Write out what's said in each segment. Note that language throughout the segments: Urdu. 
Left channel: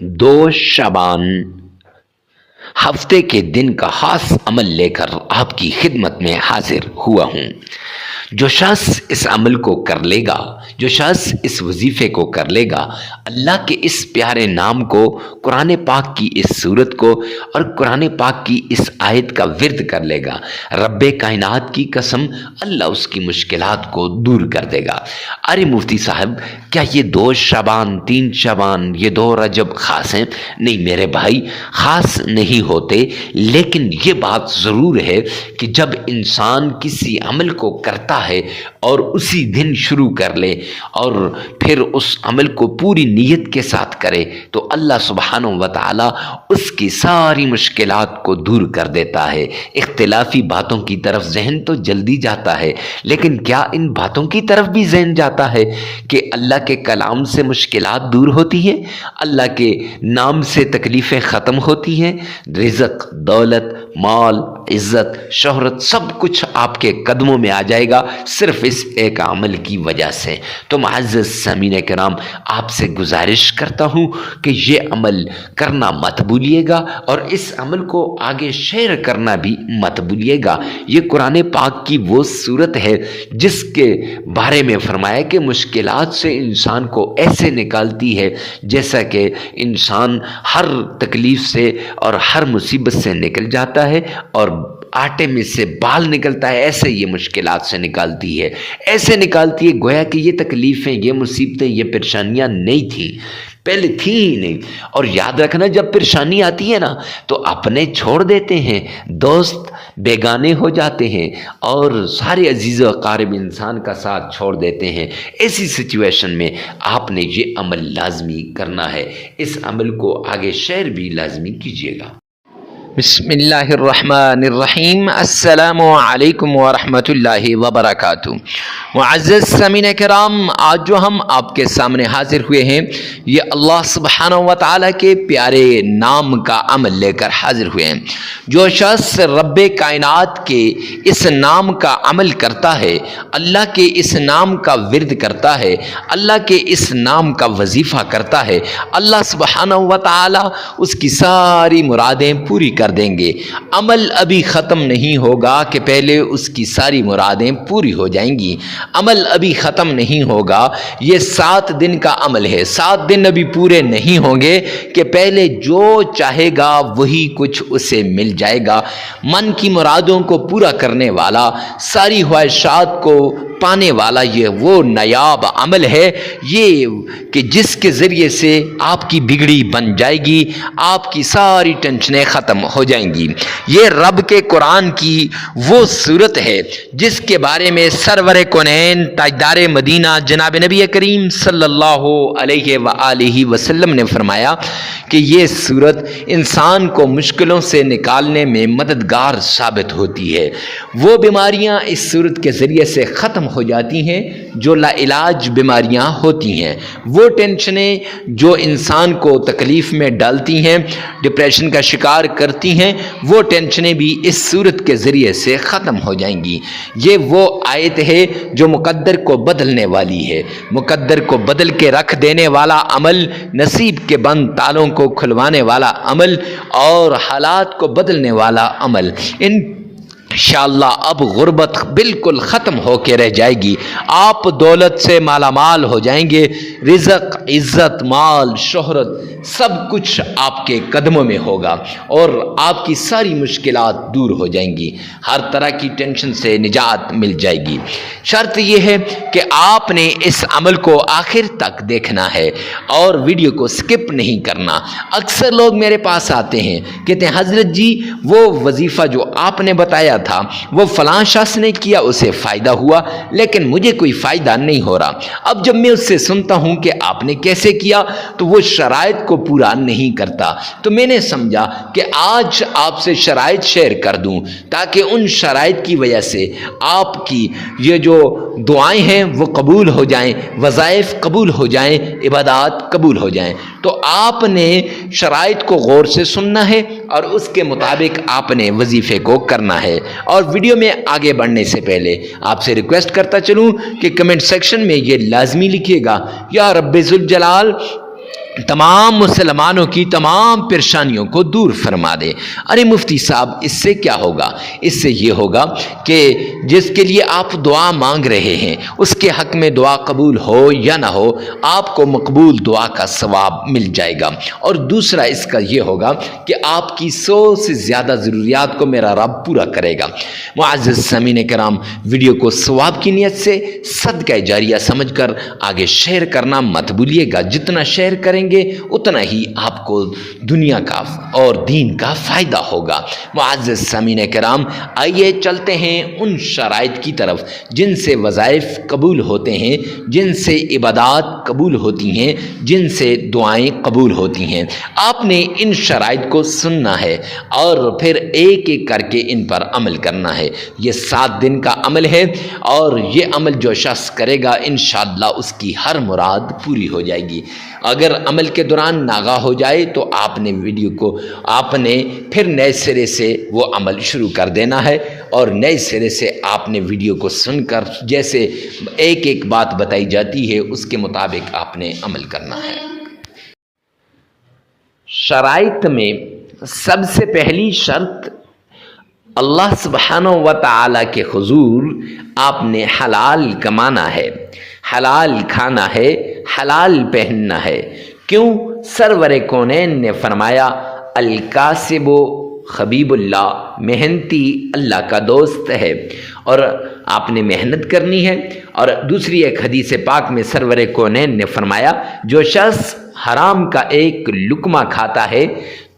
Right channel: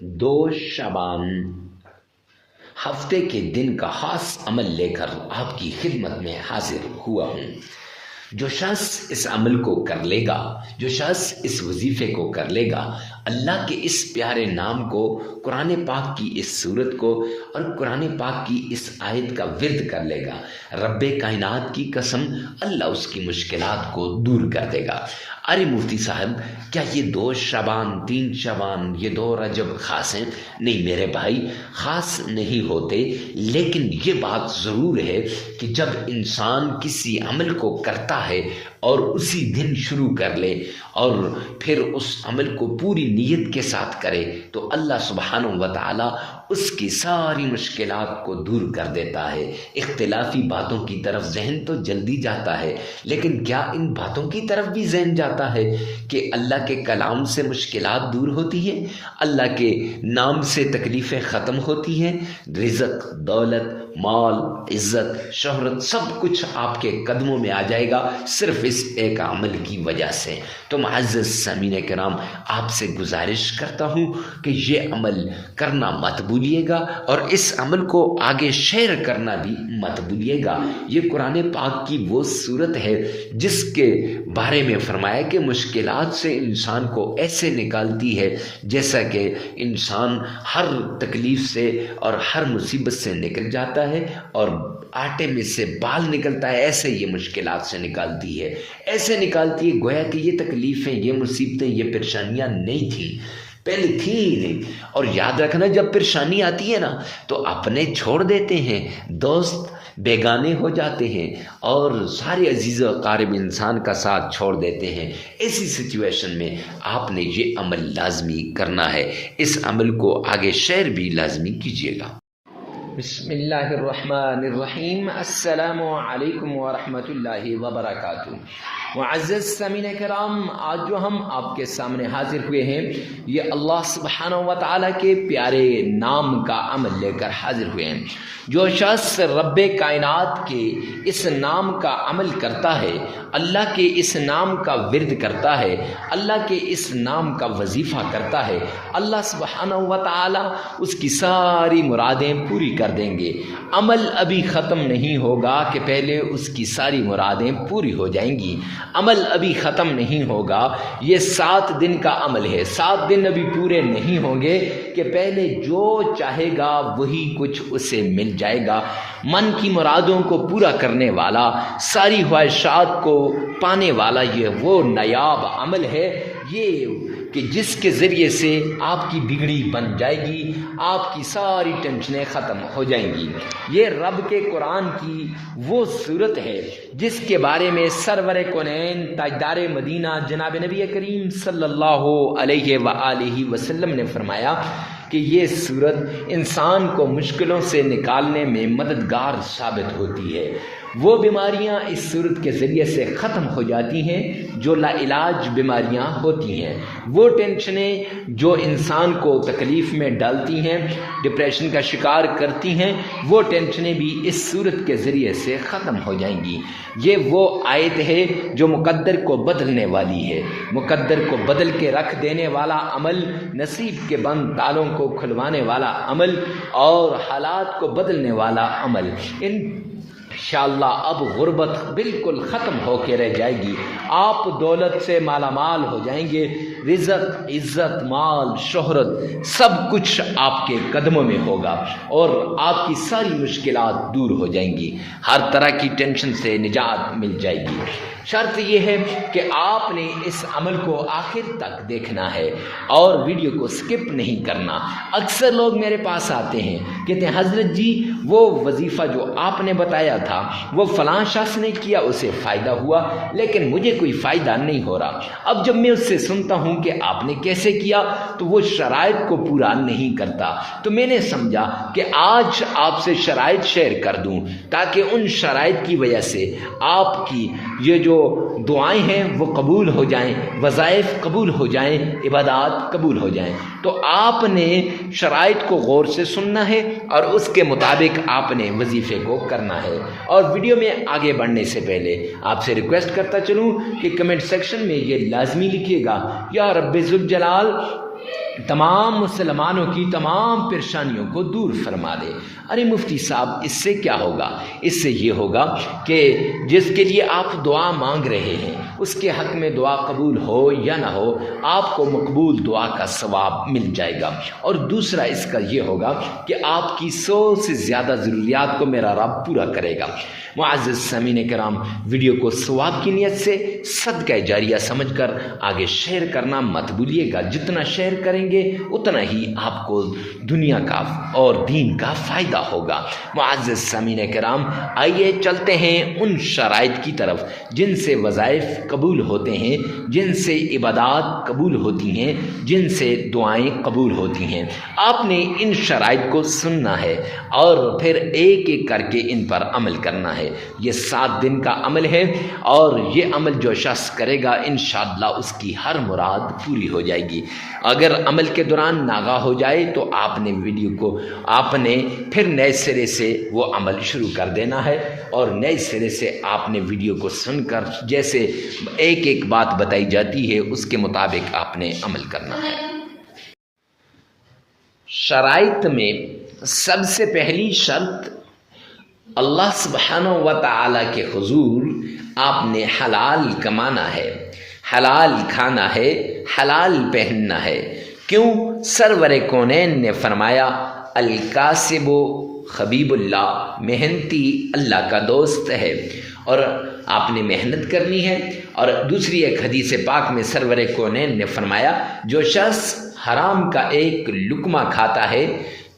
2 شعبان ہفتے کے دن کا خاص عمل لے کر آپ کی خدمت میں حاضر ہوا ہوں۔ جو شخص اس عمل کو کر لے گا، جو شخص اس وظیفے کو کر لے گا، اللہ کے اس پیارے نام کو، قرآن پاک کی اس صورت کو اور قرآن پاک کی اس آیت کا ورد کر لے گا، رب کائنات کی قسم اللہ اس کی مشکلات کو دور کر دے گا۔ ارے مفتی صاحب، کیا یہ 2 شعبان 3 شعبان یہ 2 رجب خاص ہیں؟ نہیں میرے بھائی، خاص نہیں ہوتے، لیکن یہ بات ضرور ہے کہ جب انسان کسی عمل کو کرتا ہے اور اسی دن شروع کر لے اور پھر اس عمل کو پوری نیت کے ساتھ کرے تو اللہ سبحانہ و تعالی اس کی ساری مشکلات کو دور کر دیتا ہے۔ اختلافی باتوں کی طرف ذہن تو جلدی جاتا ہے، لیکن کیا ان باتوں کی طرف بھی ذہن جاتا ہے کہ اللہ کے کلام سے مشکلات دور ہوتی ہیں، اللہ کے نام سے تکلیفیں ختم ہوتی ہیں، رزق، دولت، مال، عزت، شہرت سب کچھ آپ کے قدموں میں آ جائے گا صرف اس ایک عمل کی وجہ سے۔ تو معزز سامعین کرام، آپ سے گزارش کرتا ہوں کہ یہ عمل کرنا مت بھولیے گا اور اس عمل کو آگے شیئر کرنا بھی مت بھولیے گا۔ یہ قرآن پاک کی وہ صورت ہے جس کے بارے میں فرمایا کہ مشکلات سے انسان کو ایسے نکالتی ہے جیسا کہ انسان ہر تکلیف سے اور ہر مصیبت سے نکل جاتا ہے اور آٹے میں سے بال نکلتا ہے، ایسے یہ مشکلات سے نکالتی ہے، ایسے نکالتی ہے گویا کہ یہ تکلیفیں، یہ مصیبتیں، یہ پریشانیاں نہیں تھیں، پہلے تھی ہی نہیں۔ اور یاد رکھنا، جب پریشانی آتی ہے نا تو اپنے چھوڑ دیتے ہیں، دوست بیگانے ہو جاتے ہیں اور سارے عزیز و اقارب انسان کا ساتھ چھوڑ دیتے ہیں۔ ایسی سچویشن میں آپ نے یہ عمل لازمی کرنا ہے، اس عمل کو آگے شیئر بھی لازمی کیجیے گا۔ بسم اللہ الرحمن الرحیم۔ السلام علیکم ورحمۃ اللہ وبرکاتہ۔ معزز سامعین کرام، آج جو ہم آپ کے سامنے حاضر ہوئے ہیں یہ اللہ سبحانہ و تعالیٰ کے پیارے نام کا عمل لے کر حاضر ہوئے ہیں۔ جو شخص رب کائنات کے اس نام کا عمل کرتا ہے، اللہ کے اس نام کا ورد کرتا ہے، اللہ کے اس نام کا وظیفہ کرتا ہے، اللہ سبحانہ و تعالیٰ اس کی ساری مرادیں پوری کر دیں گے۔ عمل ابھی ختم نہیں ہوگا کہ پہلے اس کی ساری مرادیں پوری ہو جائیں گی، عمل ابھی ختم نہیں ہوگا، یہ 7 دن کا عمل ہے، 7 دن ابھی پورے نہیں ہوں گے کہ پہلے جو چاہے گا وہی کچھ اسے مل جائے گا۔ من کی مرادوں کو پورا کرنے والا، ساری خواہشات کو پانے والا یہ وہ نایاب عمل ہے یہ کہ جس کے ذریعے سے آپ کی بگڑی بن جائے گی، آپ کی ساری ٹینشنیں ختم ہو جائیں گی۔ یہ رب کے قرآن کی وہ صورت ہے جس کے بارے میں سرور کونین تاجدار مدینہ جناب نبی کریم صلی اللہ علیہ وآلہ وسلم نے فرمایا کہ یہ صورت انسان کو مشکلوں سے نکالنے میں مددگار ثابت ہوتی ہے۔ وہ بیماریاں اس صورت کے ذریعے سے ختم ہو جاتی ہیں جو لا علاج بیماریاں ہوتی ہیں، وہ ٹینشنیں جو انسان کو تکلیف میں ڈالتی ہیں، ڈپریشن کا شکار کرتی ہیں، وہ ٹینشنیں بھی اس صورت کے ذریعے سے ختم ہو جائیں گی۔ یہ وہ آیت ہے جو مقدر کو بدلنے والی ہے، مقدر کو بدل کے رکھ دینے والا عمل، نصیب کے بند تالوں کو کھلوانے والا عمل اور حالات کو بدلنے والا عمل۔ انشاءاللہ اب غربت بالکل ختم ہو کے رہ جائے گی، آپ دولت سے مالا مال ہو جائیں گے، رزق، عزت، مال، شہرت سب کچھ آپ کے قدموں میں ہوگا اور آپ کی ساری مشکلات دور ہو جائیں گی، ہر طرح کی ٹینشن سے نجات مل جائے گی۔ شرط یہ ہے کہ آپ نے اس عمل کو آخر تک دیکھنا ہے اور ویڈیو کو سکپ نہیں کرنا۔ اکثر لوگ میرے پاس آتے ہیں، کہتے ہیں حضرت جی وہ وظیفہ جو آپ نے بتایا تھا وہ فلاں شخص نے کیا، اسے فائدہ ہوا لیکن مجھے کوئی فائدہ نہیں ہو رہا۔ اب جب میں اس سے سنتا ہوں کہ آپ نے کیسے کیا تو وہ شرائط کو پورا نہیں کرتا، تو میں نے سمجھا کہ آج آپ سے شرائط شیئر کر دوں تاکہ ان شرائط کی وجہ سے آپ کی یہ جو دعائیں ہیں وہ قبول ہو جائیں، وظائف قبول ہو جائیں، عبادات قبول ہو جائیں۔ تو آپ نے شرائط کو غور سے سننا ہے اور اس کے مطابق آپ نے وظیفے کو کرنا ہے۔ اور ویڈیو میں آگے بڑھنے سے پہلے آپ سے ریکویسٹ کرتا چلوں کہ کمنٹ سیکشن میں یہ لازمی لکھیے گا، یا رب ذوالجلال تمام مسلمانوں کی تمام پریشانیوں کو دور فرما دے۔ ارے مفتی صاحب اس سے کیا ہوگا؟ اس سے یہ ہوگا کہ جس کے لیے آپ دعا مانگ رہے ہیں اس کے حق میں دعا قبول ہو یا نہ ہو، آپ کو مقبول دعا کا ثواب مل جائے گا۔ اور دوسرا اس کا یہ ہوگا کہ آپ کی 100 سے زیادہ ضروریات کو میرا رب پورا کرے گا۔ معزز سامعین کرام، ویڈیو کو ثواب کی نیت سے صدقہ جاریہ سمجھ کر آگے شیئر کرنا مت بھولیے گا۔ جتنا شیئر کریں گے اتنا ہی آپ کو دنیا کا اور دین کا فائدہ ہوگا۔ معزز سامعین کرام، آئیے چلتے ہیں ان شرائط کی طرف جن سے وظائف قبول ہوتے ہیں، جن سے عبادات قبول ہوتی ہیں، جن سے دعائیں قبول ہوتی ہیں۔ آپ نے ان شرائط کو سننا ہے اور پھر ایک ایک کر کے ان پر عمل کرنا ہے۔ یہ 7 دن کا عمل ہے اور یہ عمل جو شخص کرے گا انشاءاللہ اس کی ہر مراد پوری ہو جائے گی۔ اگر عمل کے دوران ناغہ ہو جائے تو آپ نے پھر نئے سرے سے وہ عمل شروع کر دینا ہے، اور نئے سرے سے آپ نے ویڈیو کو سن کر جیسے ایک ایک بات بتائی جاتی ہے اس کے مطابق آپ نے عمل کرنا ہے۔ شرائط میں سب سے پہلی شرط، اللہ سبحانہ و تعالی کے حضور آپ نے حلال کمانا ہے، حلال کھانا ہے، حلال پہننا ہے۔ کیوں؟ سرور کونین نے فرمایا الکاسب حبیب اللہ، محنتی اللہ کا دوست ہے، اور آپ نے محنت کرنی ہے۔ اور دوسری ایک حدیث پاک میں سرور کونین نے فرمایا جو شخص حرام کا ایک لقمہ کھاتا ہے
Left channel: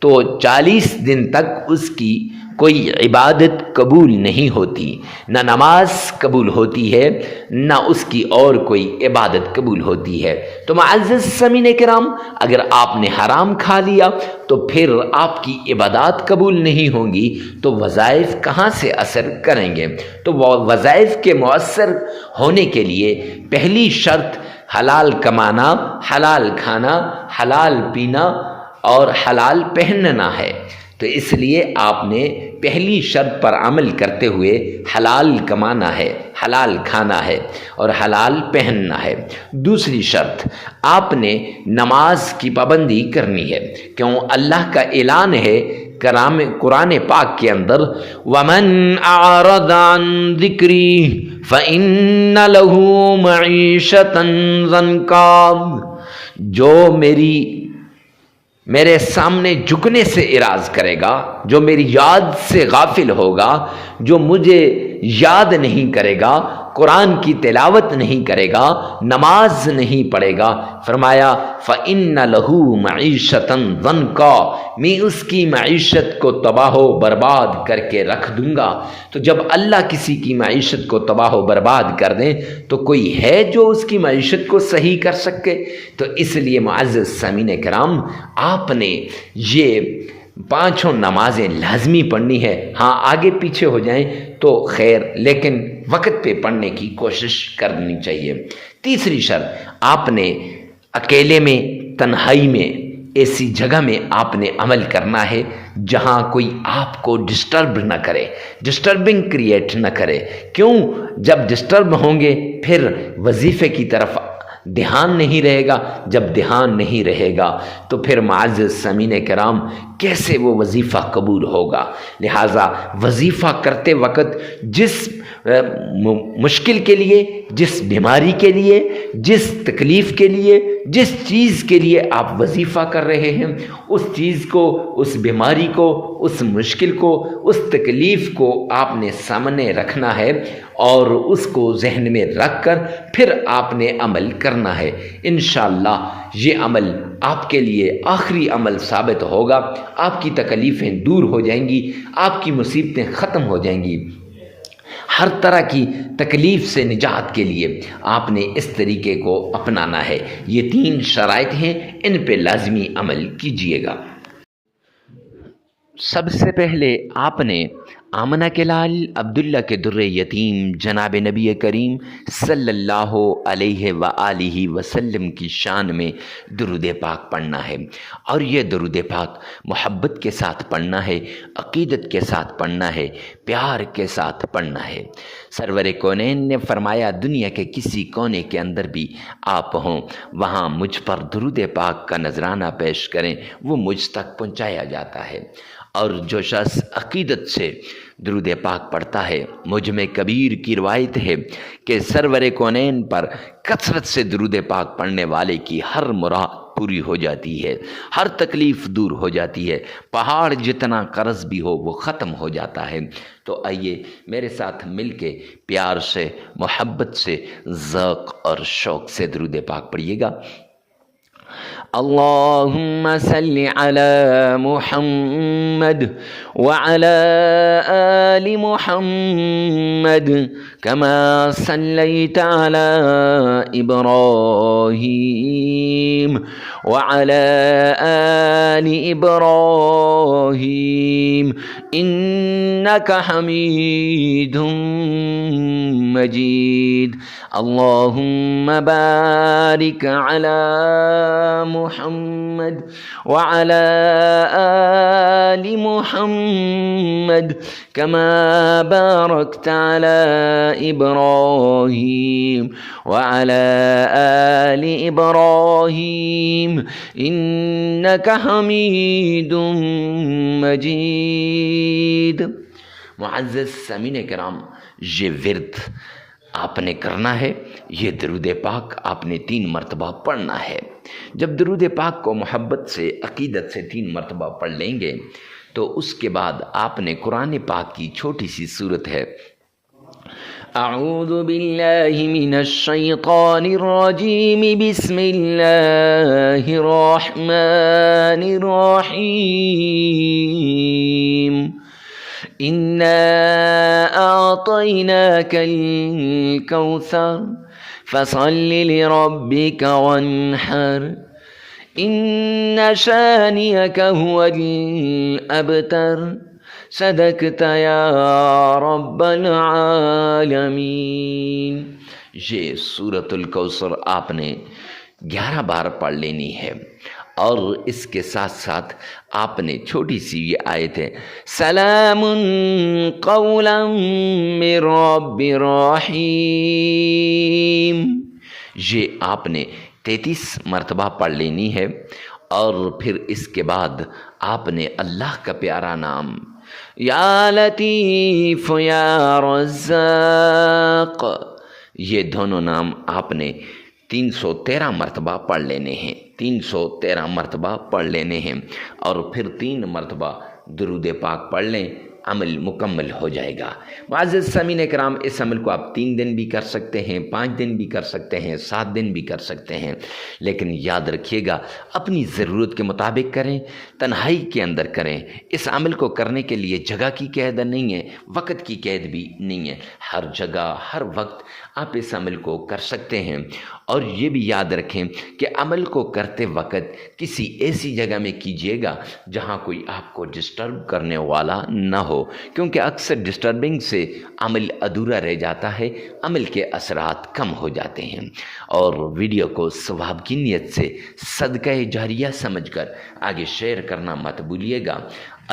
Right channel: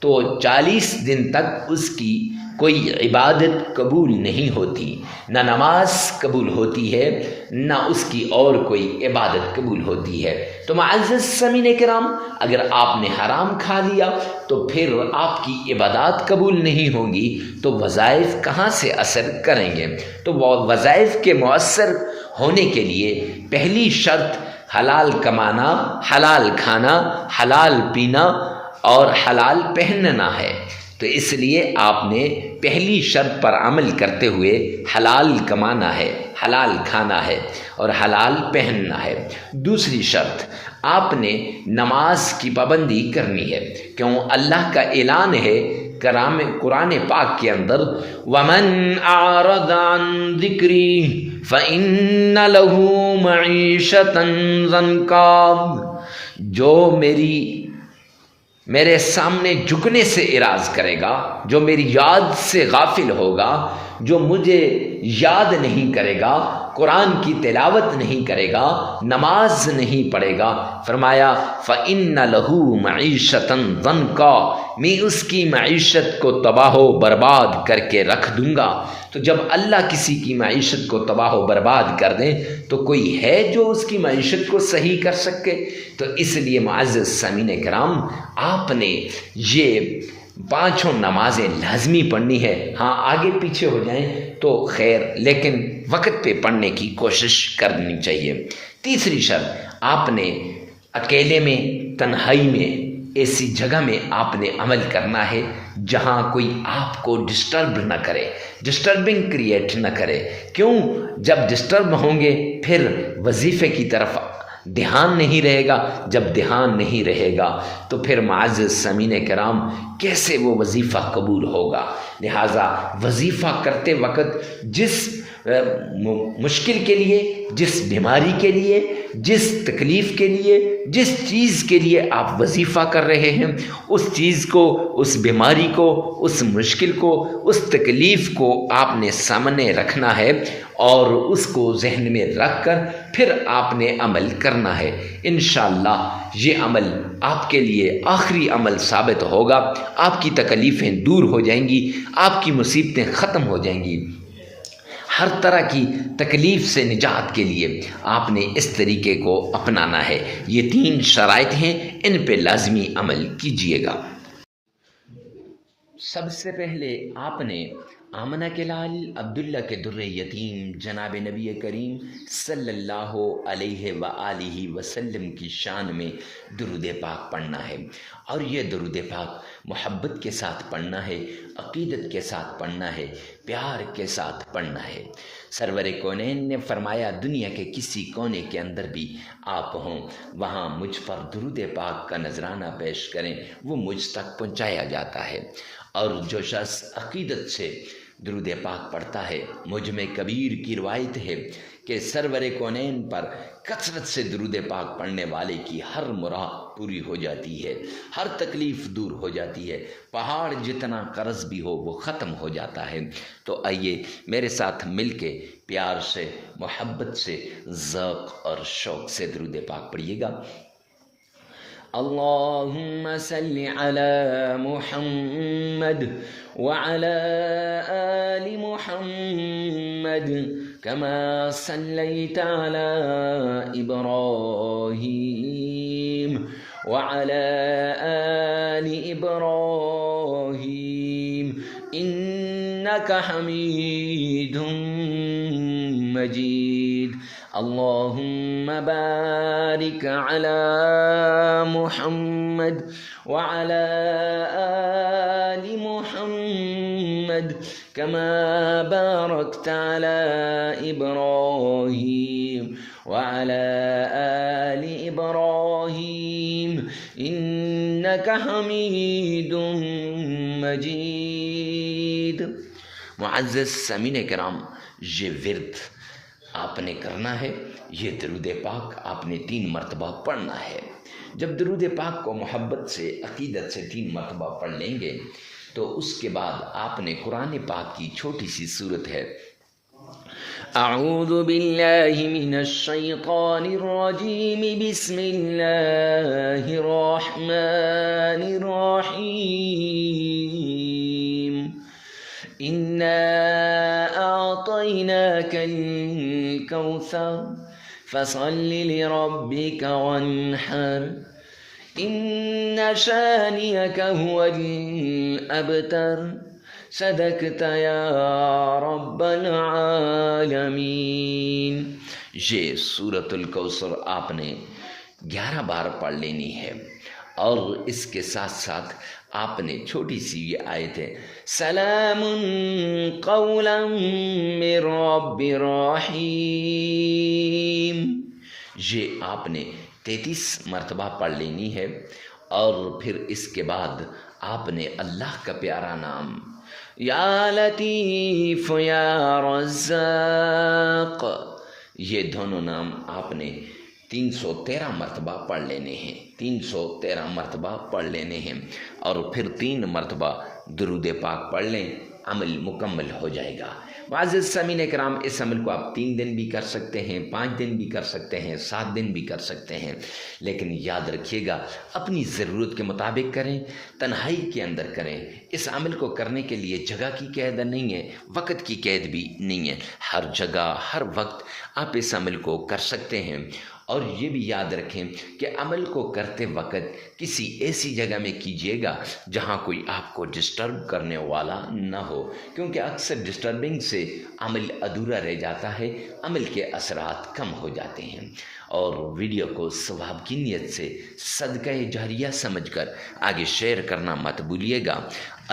تو 40 دن تک اس کی کوئی عبادت قبول نہیں ہوتی، نہ نماز قبول ہوتی ہے، نہ اس کی اور کوئی عبادت قبول ہوتی ہے۔ تو معزز سامعین کرام، اگر آپ نے حرام کھا لیا تو پھر آپ کی عبادات قبول نہیں ہوں گی تو وظائف کہاں سے اثر کریں گے؟ تو وظائف کے مؤثر ہونے کے لیے پہلی شرط حلال کمانا، حلال کھانا، حلال پینا اور حلال پہننا ہے۔ تو اس لیے آپ نے پہلی شرط پر عمل کرتے ہوئے حلال کمانا ہے، حلال کھانا ہے اور حلال پہننا ہے۔ دوسری شرط، آپ نے نماز کی پابندی کرنی ہے، کیوں اللہ کا اعلان ہے قرآن پاک کے اندر وَمَنْ أَعْرَضَ عَنْ ذِكْرِي فَإِنَّ لَهُ مَعِيشَةً ضَنْكًا، جو میرے سامنے جھکنے سے اعراض کرے گا، جو میری یاد سے غافل ہوگا، جو مجھے یاد نہیں کرے گا، قرآن کی تلاوت نہیں کرے گا، نماز نہیں پڑھے گا، فرمایا فَإِنَّ لَهُ مَعِيشَةً ضَنْكًا، میں اس کی معیشت کو تباہ و برباد کر کے رکھ دوں گا۔ تو جب اللہ کسی کی معیشت کو تباہ و برباد کر دیں تو کوئی ہے جو اس کی معیشت کو صحیح کر سکے؟ تو اس لیے معزز سامعین کرام، آپ نے یہ 5 نمازیں لازمی پڑھنی ہے۔ ہاں آگے پیچھے ہو جائیں تو خیر، لیکن وقت پہ پڑھنے کی کوشش کرنی چاہیے۔ تیسری شرط، آپ نے اکیلے میں، تنہائی میں، ایسی جگہ میں آپ نے عمل کرنا ہے جہاں کوئی آپ کو ڈسٹرب نہ کرے، ڈسٹربنگ کریٹ نہ کرے۔ کیوں؟ جب ڈسٹرب ہوں گے پھر وظیفے کی طرف دھیان نہیں رہے گا، جب دھیان نہیں رہے گا تو پھر معزز سامعین کرام کیسے وہ وظیفہ قبول ہوگا؟ لہٰذا وظیفہ کرتے وقت جس مشکل کے لیے، جس بیماری کے لیے، جس تکلیف کے لیے، جس چیز کے لیے آپ وظیفہ کر رہے ہیں، اس چیز کو، اس بیماری کو، اس مشکل کو، اس تکلیف کو آپ نے سامنے رکھنا ہے اور اس کو ذہن میں رکھ کر پھر آپ نے عمل کرنا ہے۔ انشاءاللہ یہ عمل آپ کے لیے آخری عمل ثابت ہوگا، آپ کی تکلیفیں دور ہو جائیں گی، آپ کی مصیبتیں ختم ہو جائیں گی۔ ہر طرح کی تکلیف سے نجات کے لیے آپ نے اس طریقے کو اپنانا ہے۔ یہ 3 شرائط ہیں، ان پہ لازمی عمل کیجیے گا۔ سب سے پہلے آپ نے آمنہ کے لال عبداللہ کے در یتیم جناب نبی کریم صلی اللہ علیہ وآلہ وسلم کی شان میں درود پاک پڑھنا ہے، اور یہ درود پاک محبت کے ساتھ پڑھنا ہے، عقیدت کے ساتھ پڑھنا ہے، پیار کے ساتھ پڑھنا ہے۔ سرور کونین نے فرمایا دنیا کے کسی کونے کے اندر بھی آپ ہوں، وہاں مجھ پر درود پاک کا نذرانہ پیش کریں، وہ مجھ تک پہنچایا جاتا ہے۔ اور جو شخص عقیدت سے درود پاک پڑھتا ہے، مجھ میں کبیر کی روایت ہے کہ سرور کونین پر کثرت سے درود پاک پڑھنے والے کی ہر مراد پوری ہو جاتی ہے، ہر تکلیف دور ہو جاتی ہے، پہاڑ جتنا قرض بھی ہو وہ ختم ہو جاتا ہے۔ تو آئیے میرے ساتھ مل کے پیار سے، محبت سے، ذوق اور شوق سے درود پاک پڑھیے گا۔ اللہم صلی علی محمد وعلی آل محمد كما صليت على إبراهيم وعلى آل إبراهيم إنك حميد مجيد اللهم بارك على محمد وعلى آل محمد كما باركت على إبراهيم وعلى آل إبراهيم إنك حميد مجيد۔ معزز سامعین کرام، یہ ورد آپ نے کرنا ہے، یہ درود پاک آپ نے 3 مرتبہ پڑھنا ہے۔ جب درود پاک کو محبت سے، عقیدت سے 3 مرتبہ پڑھ لیں گے تو اس کے بعد آپ نے قرآن پاک کی چھوٹی سی صورت ہے اعوذ باللہ من الشیطان الرجیم بسم اللہ الرحمن الرحیم إنا أعطيناك الكوثر فصل لربك وانحر إن شانئك هو الأبتر صدقت يا رب العالمین۔ یہ سورۃ الکوثر آپ نے 11 بار پڑھ لینی ہے، اور اس کے ساتھ ساتھ آپ نے چھوٹی سی یہ آیت ہے سلام قولا من رب رحیم، یہ آپ نے 33 مرتبہ پڑھ لینی ہے، اور پھر اس کے بعد آپ نے اللہ کا پیارا نام یا لطیف یا رزاق، یہ دونوں نام آپ نے 313 مرتبہ پڑھ لینے ہیں، 313 مرتبہ پڑھ لینے ہیں، اور پھر 3 مرتبہ درود پاک پڑھ لیں، عمل مکمل ہو جائے گا۔ معزز سامعین کرام، اس عمل کو آپ 3 دن بھی کر سکتے ہیں، 5 دن بھی کر سکتے ہیں، 7 دن بھی کر سکتے ہیں، لیکن یاد رکھیے گا اپنی ضرورت کے مطابق کریں، تنہائی کے اندر کریں۔ اس عمل کو کرنے کے لیے جگہ کی قید نہیں ہے، وقت کی قید بھی نہیں ہے، ہر جگہ ہر وقت آپ اس عمل کو کر سکتے ہیں۔ اور یہ بھی یاد رکھیں کہ عمل کو کرتے وقت کسی ایسی جگہ میں کیجیے گا جہاں کوئی آپ کو ڈسٹرب کرنے والا نہ ہو، کیونکہ اکثر ڈسٹربنگ سے عمل ادھورا رہ جاتا ہے، عمل کے اثرات کم ہو جاتے ہیں۔ اور ویڈیو کو ثواب کی نیت سے صدقہ جاریہ سمجھ کر آگے شیئر کرنا مت بھولیے گا۔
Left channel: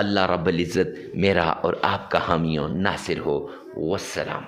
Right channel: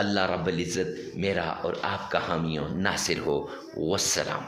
اللہ رب العزت میرا اور آپ کا حامی و ناصر ہو۔ والسلام۔